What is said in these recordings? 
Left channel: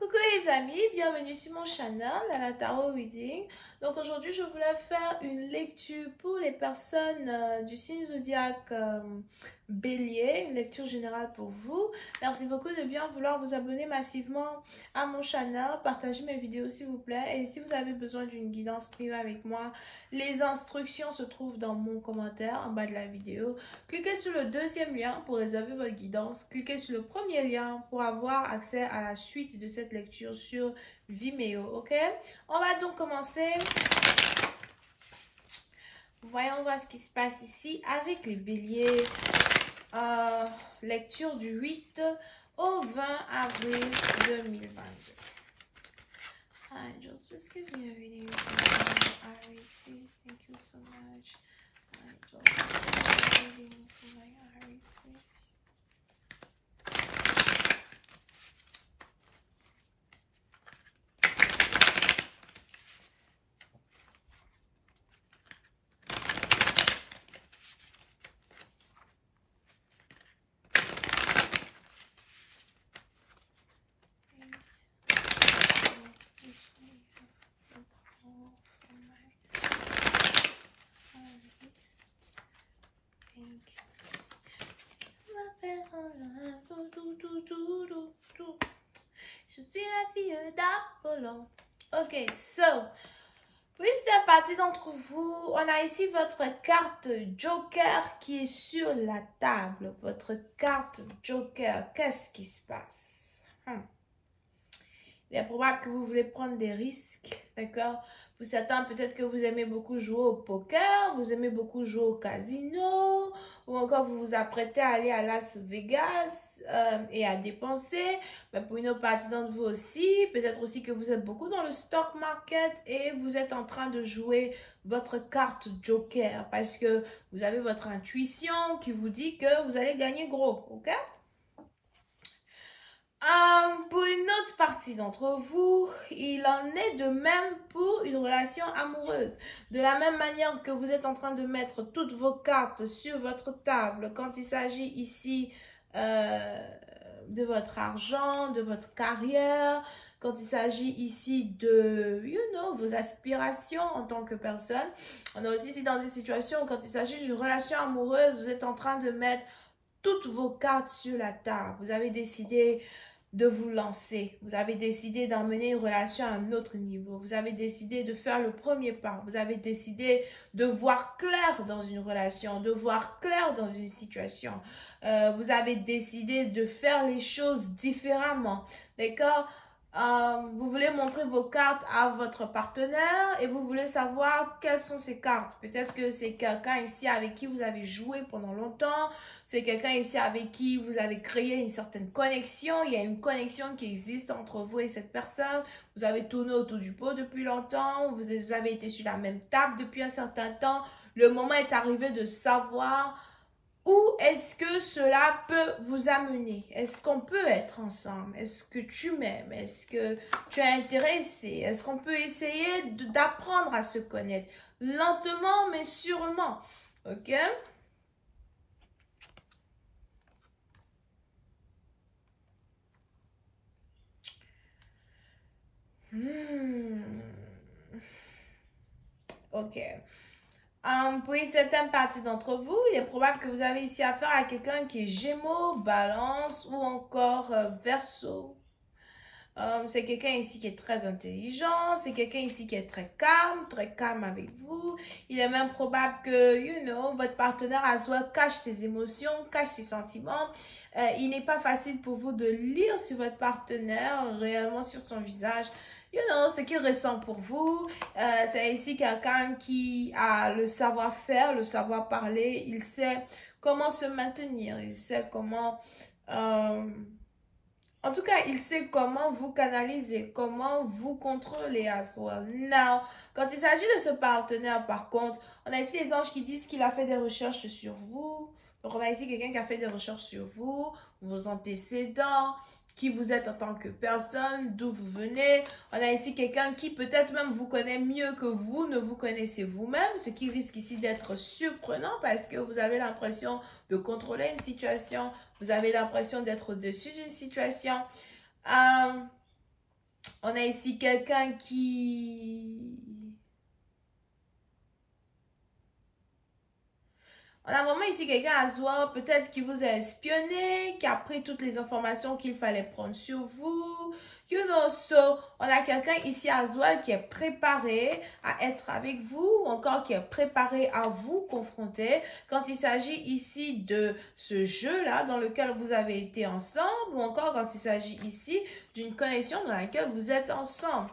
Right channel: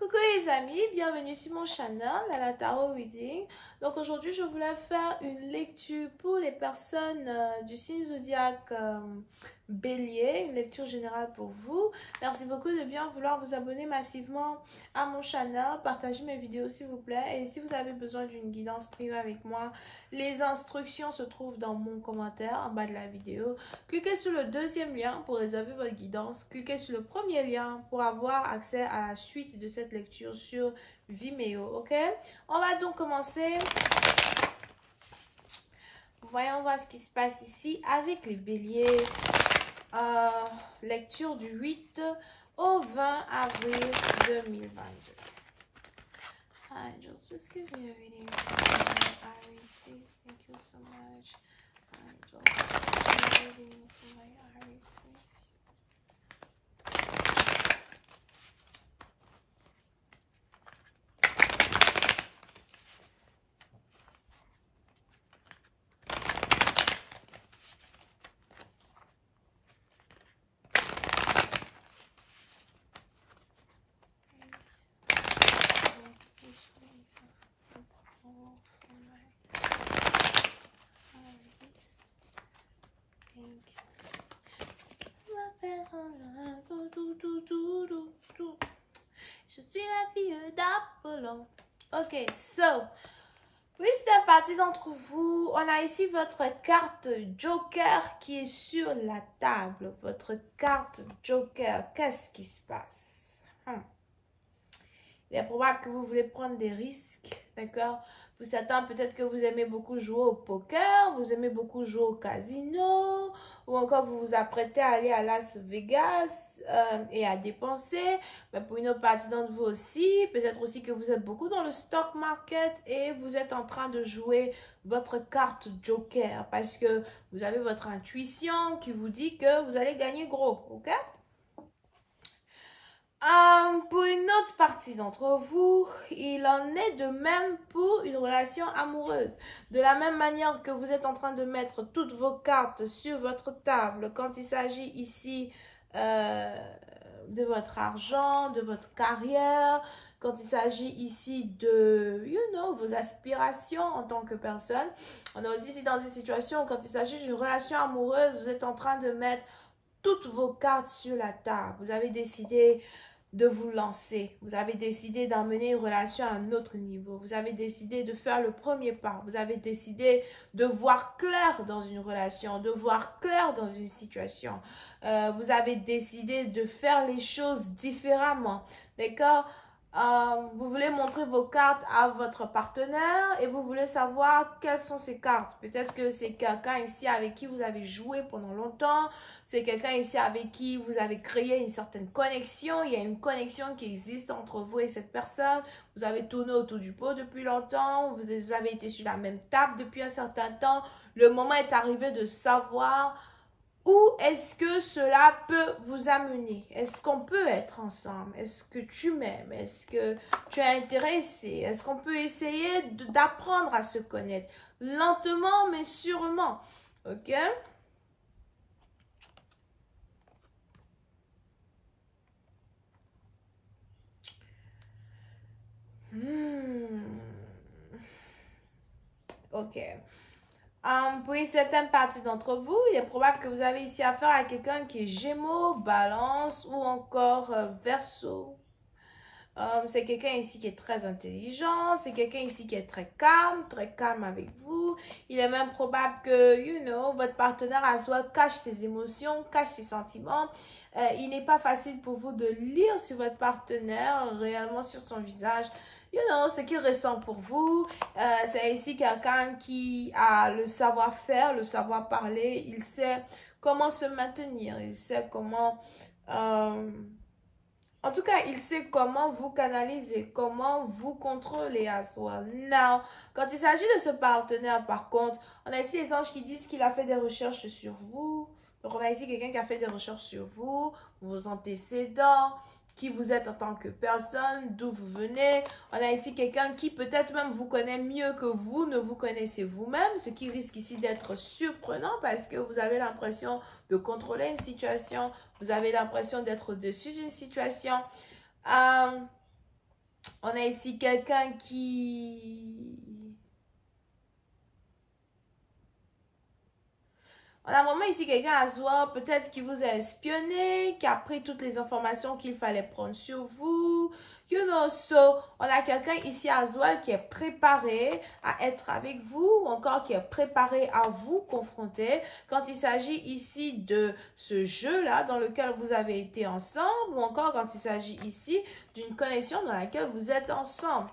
Coucou les amis, bienvenue sur mon channel, la Tarot Reading. Donc aujourd'hui, je voulais faire une lecture pour les personnes du signe zodiaque Bélier, une lecture générale pour vous. Merci beaucoup de bien vouloir vous abonner massivement à mon channel, partagez mes vidéos s'il vous plaît. Et si vous avez besoin d'une guidance privée avec moi, les instructions se trouvent dans mon commentaire en bas de la vidéo. Cliquez sur le deuxième lien pour réserver votre guidance. Cliquez sur le premier lien pour avoir accès à la suite de cette lecture sur Vimeo, ok? On va donc commencer. Voyons voir ce qui se passe ici avec les béliers. Lecture du 8 au 20 avril 2022. Angels, please give me a reading for my Aries, please. Thank you so much. Angels, please give me a reading for my Aries, please. Je suis la fille d'Apollon. Ok, so, oui, c'est partie d'entre vous. On a ici votre carte Joker qui est sur la table. Votre carte Joker, qu'est-ce qui se passe? Il est probable que vous voulez prendre des risques, d'accord? Pour certains, peut-être que vous aimez beaucoup jouer au poker, vous aimez beaucoup jouer au casino, ou encore vous vous apprêtez à aller à Las Vegas et à dépenser. Mais pour une autre partie d'entre vous aussi, peut-être aussi que vous êtes beaucoup dans le stock market et vous êtes en train de jouer votre carte Joker parce que vous avez votre intuition qui vous dit que vous allez gagner gros, ok? Pour une autre partie d'entre vous, il en est de même pour une relation amoureuse. De la même manière que vous êtes en train de mettre toutes vos cartes sur votre table, quand il s'agit ici de votre argent, de votre carrière, quand il s'agit ici de, vos aspirations en tant que personne. On est aussi ici dans une situation où quand il s'agit d'une relation amoureuse, vous êtes en train de mettre toutes vos cartes sur la table. Vous avez décidé de vous lancer. Vous avez décidé d'emmener une relation à un autre niveau. Vous avez décidé de faire le premier pas. Vous avez décidé de voir clair dans une relation, de voir clair dans une situation. Vous avez décidé de faire les choses différemment. D'accord? Vous voulez montrer vos cartes à votre partenaire et vous voulez savoir quelles sont ces cartes. Peut-être que c'est quelqu'un ici avec qui vous avez joué pendant longtemps. C'est quelqu'un ici avec qui vous avez créé une certaine connexion. Il y a une connexion qui existe entre vous et cette personne. Vous avez tourné autour du pot depuis longtemps. Vous avez été sur la même table depuis un certain temps. Le moment est arrivé de savoir où est-ce que cela peut vous amener. Est-ce qu'on peut être ensemble? Est-ce que tu m'aimes? Est-ce que tu es intéressé? Est-ce qu'on peut essayer d'apprendre à se connaître? Lentement mais sûrement. Ok? Ok. Pour une certaine partie d'entre vous, il est probable que vous avez ici affaire à quelqu'un qui est Gémeaux, Balance ou encore Verseau. C'est quelqu'un ici qui est très intelligent, c'est quelqu'un ici qui est très calme avec vous. Il est même probable que, votre partenaire à soi cache ses émotions, cache ses sentiments. Il n'est pas facile pour vous de lire sur votre partenaire, réellement sur son visage, ce qu'il ressent pour vous. C'est ici quelqu'un qui a le savoir-faire, le savoir-parler. Il sait comment se maintenir, il sait comment... En tout cas, il sait comment vous canaliser, comment vous contrôler à soi. Now, quand il s'agit de ce partenaire, par contre, on a ici les anges qui disent qu'il a fait des recherches sur vous. Donc, on a ici quelqu'un qui a fait des recherches sur vous, vos antécédents, qui vous êtes en tant que personne, d'où vous venez. On a ici quelqu'un qui peut-être même vous connaît mieux que vous ne vous connaissez vous-même, ce qui risque ici d'être surprenant parce que vous avez l'impression de contrôler une situation. Vous avez l'impression d'être au-dessus d'une situation. On a ici quelqu'un qui... On a vraiment ici quelqu'un à soi, peut-être qui vous a espionné, qui a pris toutes les informations qu'il fallait prendre sur vous. You know, so, on a quelqu'un ici à soi qui est préparé à être avec vous, ou encore qui est préparé à vous confronter quand il s'agit ici de ce jeu-là dans lequel vous avez été ensemble, ou encore quand il s'agit ici d'une connexion dans laquelle vous êtes ensemble.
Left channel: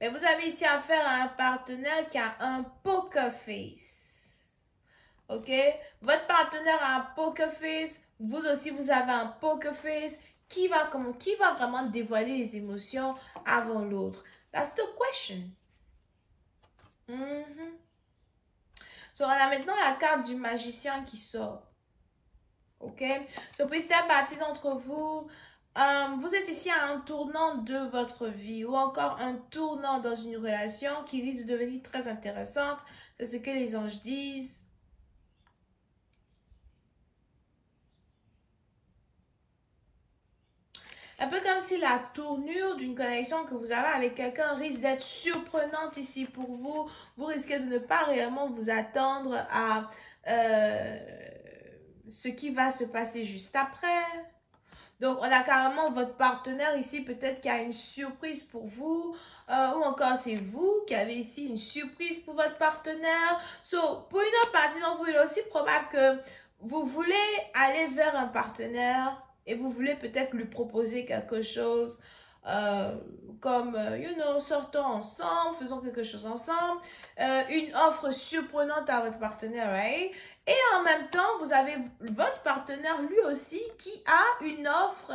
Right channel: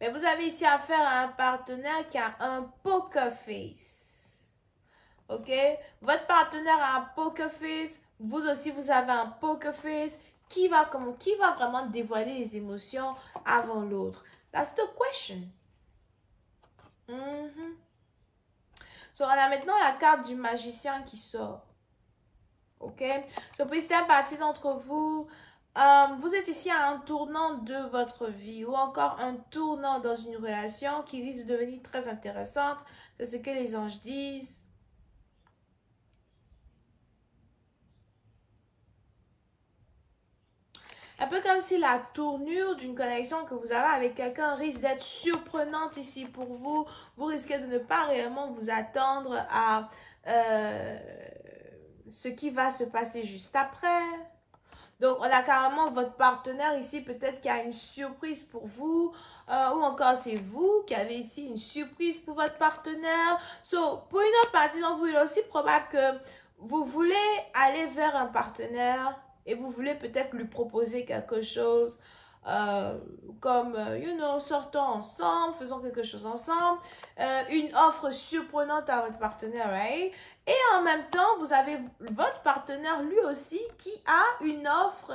Mais vous avez ici affaire à un partenaire qui a un poker face. OK? Votre partenaire a un poker face. Vous aussi, vous avez un poker face. Qui va vraiment dévoiler les émotions avant l'autre? That's the question. So, on a maintenant la carte du magicien qui sort. OK? So, pour certaines partie d'entre vous, vous êtes ici à un tournant de votre vie ou encore un tournant dans une relation qui risque de devenir très intéressante. C'est ce que les anges disent. Un peu comme si la tournure d'une connexion que vous avez avec quelqu'un risque d'être surprenante ici pour vous. Vous risquez de ne pas réellement vous attendre à ce qui va se passer juste après. Donc, on a carrément votre partenaire ici, peut-être qui a une surprise pour vous, ou encore c'est vous qui avez ici une surprise pour votre partenaire. So, pour une autre partie d'entre vous, il est aussi probable que vous voulez aller vers un partenaire et vous voulez peut-être lui proposer quelque chose, comme, you know, sortons ensemble, faisons quelque chose ensemble, une offre surprenante à votre partenaire, right? Et en même temps, vous avez votre partenaire lui aussi qui a une offre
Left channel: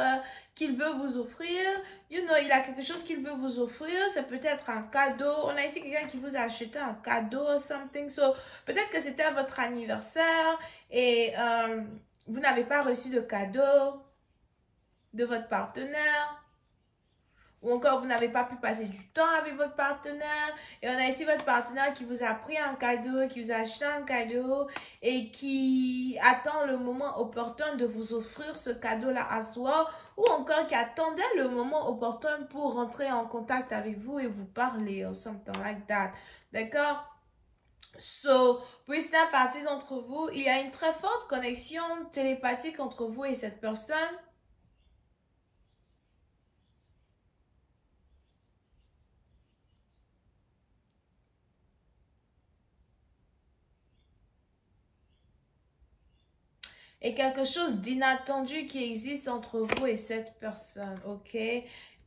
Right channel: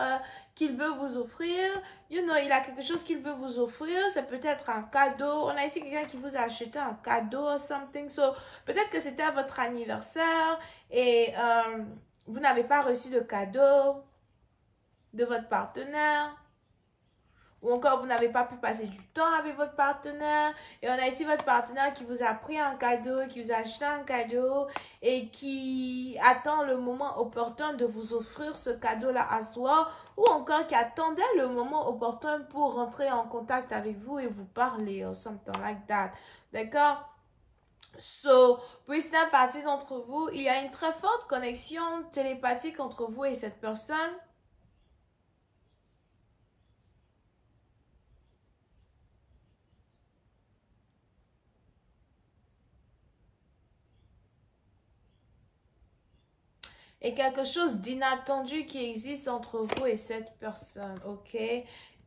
qu'il veut vous offrir. You know, il a quelque chose qu'il veut vous offrir. C'est peut-être un cadeau. On a ici quelqu'un qui vous a acheté un cadeau or something. So, peut-être que c'était votre anniversaire et vous n'avez pas reçu de cadeau de votre partenaire. Ou encore, vous n'avez pas pu passer du temps avec votre partenaire. Et on a ici votre partenaire qui vous a pris un cadeau, qui vous a acheté un cadeau et qui attend le moment opportun de vous offrir ce cadeau-là à soi. Ou encore qui attendait le moment opportun pour rentrer en contact avec vous et vous parler or something like that. D'accord? So, pour certaines parties d'entre vous, il y a une très forte connexion télépathique entre vous et cette personne. Et quelque chose d'inattendu qui existe entre vous et cette personne, ok?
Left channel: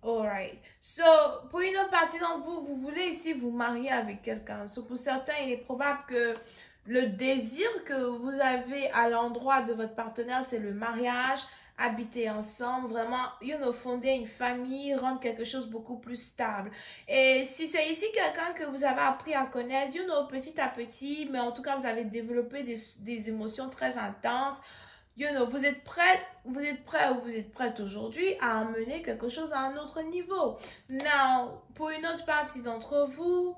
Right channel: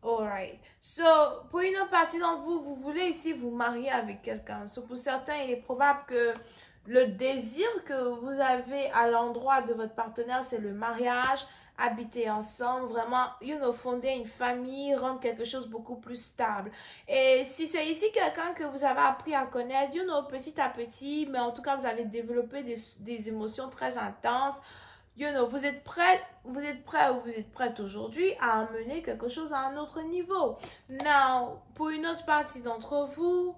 Alright. So, pour une autre partie d'entre vous, vous voulez ici vous marier avec quelqu'un. So, pour certains, il est probable que le désir que vous avez à l'endroit de votre partenaire, c'est le mariage, habiter ensemble, vraiment, you know, fonder une famille, rendre quelque chose beaucoup plus stable. Et si c'est ici quelqu'un que vous avez appris à connaître, you know, petit à petit, mais en tout cas, vous avez développé des émotions très intenses. You know, vous êtes prêt ou vous êtes prête aujourd'hui à amener quelque chose à un autre niveau. Now, pour une autre partie d'entre vous,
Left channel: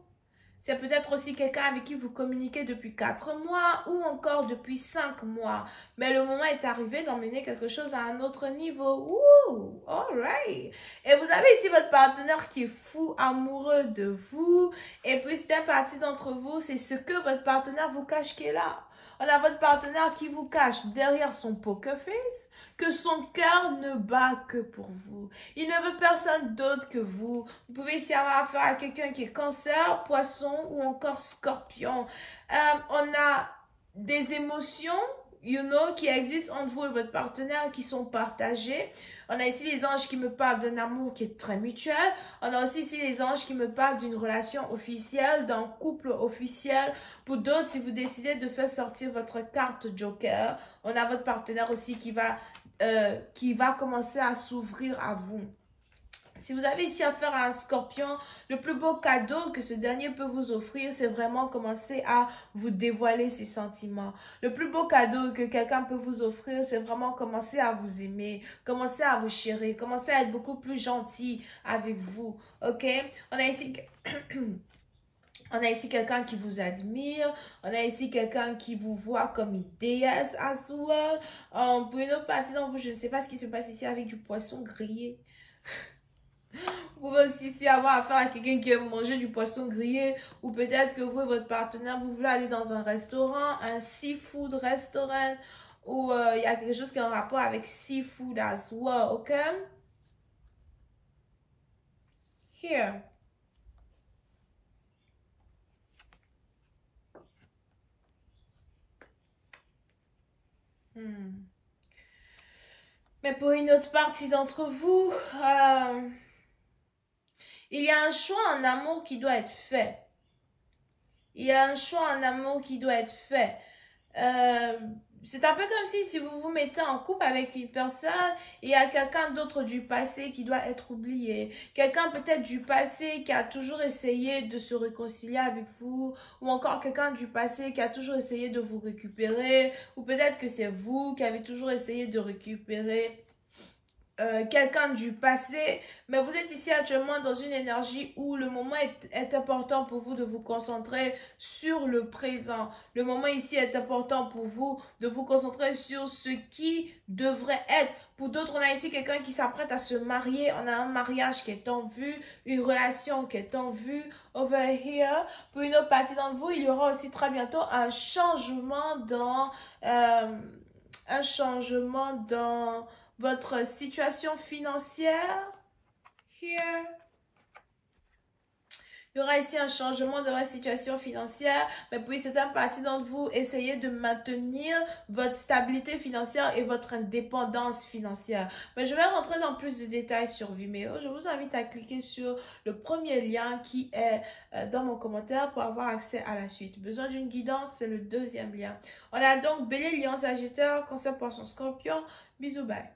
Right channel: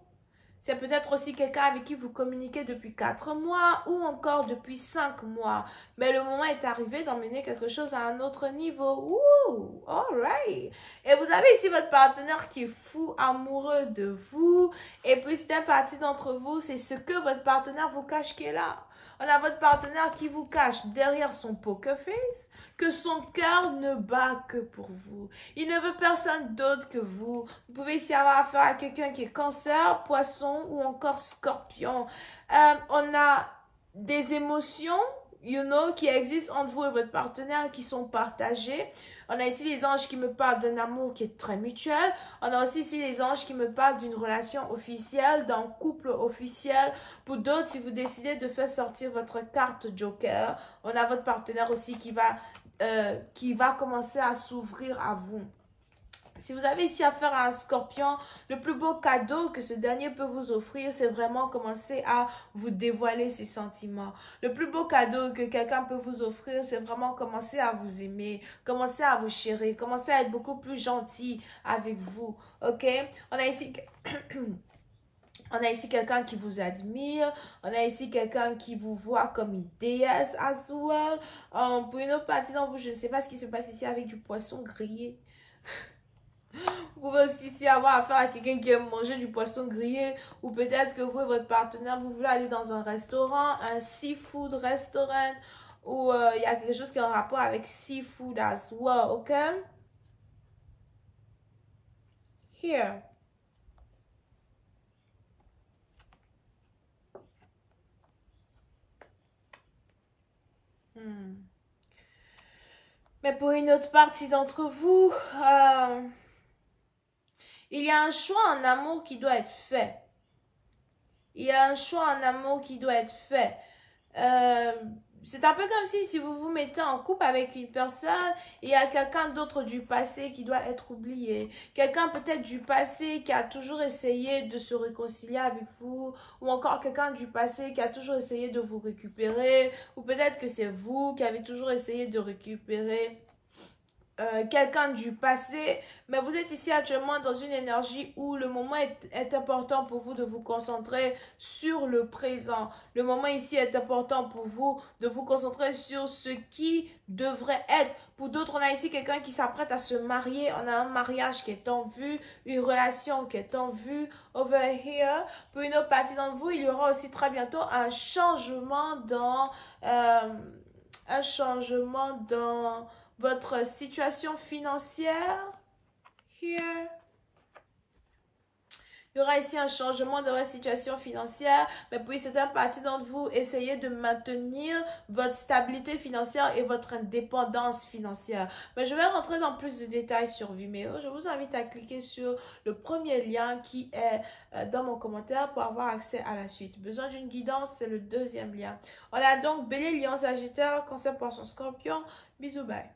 c'est peut-être aussi quelqu'un avec qui vous communiquez depuis 4 mois ou encore depuis 5 mois. Mais le moment est arrivé d'emmener quelque chose à un autre niveau. Ouh, alright. Et vous avez ici votre partenaire qui est fou, amoureux de vous. Et puis, c'est une partie d'entre vous, c'est ce que votre partenaire vous cache qui est là. On a votre partenaire qui vous cache derrière son poker face que son cœur ne bat que pour vous. Il ne veut personne d'autre que vous. Vous pouvez ici avoir affaire à quelqu'un qui est cancer, poisson ou encore scorpion. On a des émotions, you know, qui existent entre vous et votre partenaire qui sont partagées. On a ici les anges qui me parlent d'un amour qui est très mutuel. On a aussi ici les anges qui me parlent d'une relation officielle, d'un couple officiel. Pour d'autres, si vous décidez de faire sortir votre carte Joker, on a votre partenaire aussi qui va commencer à s'ouvrir à vous. Si vous avez ici affaire à un scorpion, le plus beau cadeau que ce dernier peut vous offrir, c'est vraiment commencer à vous dévoiler ses sentiments. Le plus beau cadeau que quelqu'un peut vous offrir, c'est vraiment commencer à vous aimer, commencer à vous chérir, commencer à être beaucoup plus gentil avec vous. Ok? On a ici... On a ici quelqu'un qui vous admire. On a ici quelqu'un qui vous voit comme une déesse as well. Pour une autre partie d'entre vous, je ne sais pas ce qui se passe ici avec du poisson grillé. Vous pouvez aussi ici avoir affaire à quelqu'un qui aime manger du poisson grillé. Ou peut-être que vous et votre partenaire, vous voulez aller dans un restaurant, un seafood restaurant. Ou il y a quelque chose qui est en rapport avec seafood as well, ok? Here. Mais pour une autre partie d'entre vous, il y a un choix en amour qui doit être fait. Il y a un choix en amour qui doit être fait. C'est un peu comme si vous vous mettez en couple avec une personne et il y a quelqu'un d'autre du passé qui doit être oublié. Quelqu'un peut-être du passé qui a toujours essayé de se réconcilier avec vous, ou encore quelqu'un du passé qui a toujours essayé de vous récupérer, ou peut-être que c'est vous qui avez toujours essayé de récupérer quelqu'un du passé, mais vous êtes ici actuellement dans une énergie où le moment est important pour vous de vous concentrer sur le présent. Le moment ici est important pour vous de vous concentrer sur ce qui devrait être. Pour d'autres, on a ici quelqu'un qui s'apprête à se marier. On a un mariage qui est en vue, une relation qui est en vue. Over here, pour une autre partie d'entre vous, il y aura aussi très bientôt un changement dans votre situation financière. Here. Il y aura ici un changement dans votre situation financière, mais pour certaines parties d'entre vous, essayez de maintenir votre stabilité financière et votre indépendance financière. Mais je vais rentrer dans plus de détails sur Vimeo. Je vous invite à cliquer sur le premier lien qui est dans mon commentaire pour avoir accès à la suite. Besoin d'une guidance, c'est le deuxième lien. On a donc Bélier, Lion, Sagittaire, Cancer, Poisson, Scorpion. Bisous, bye.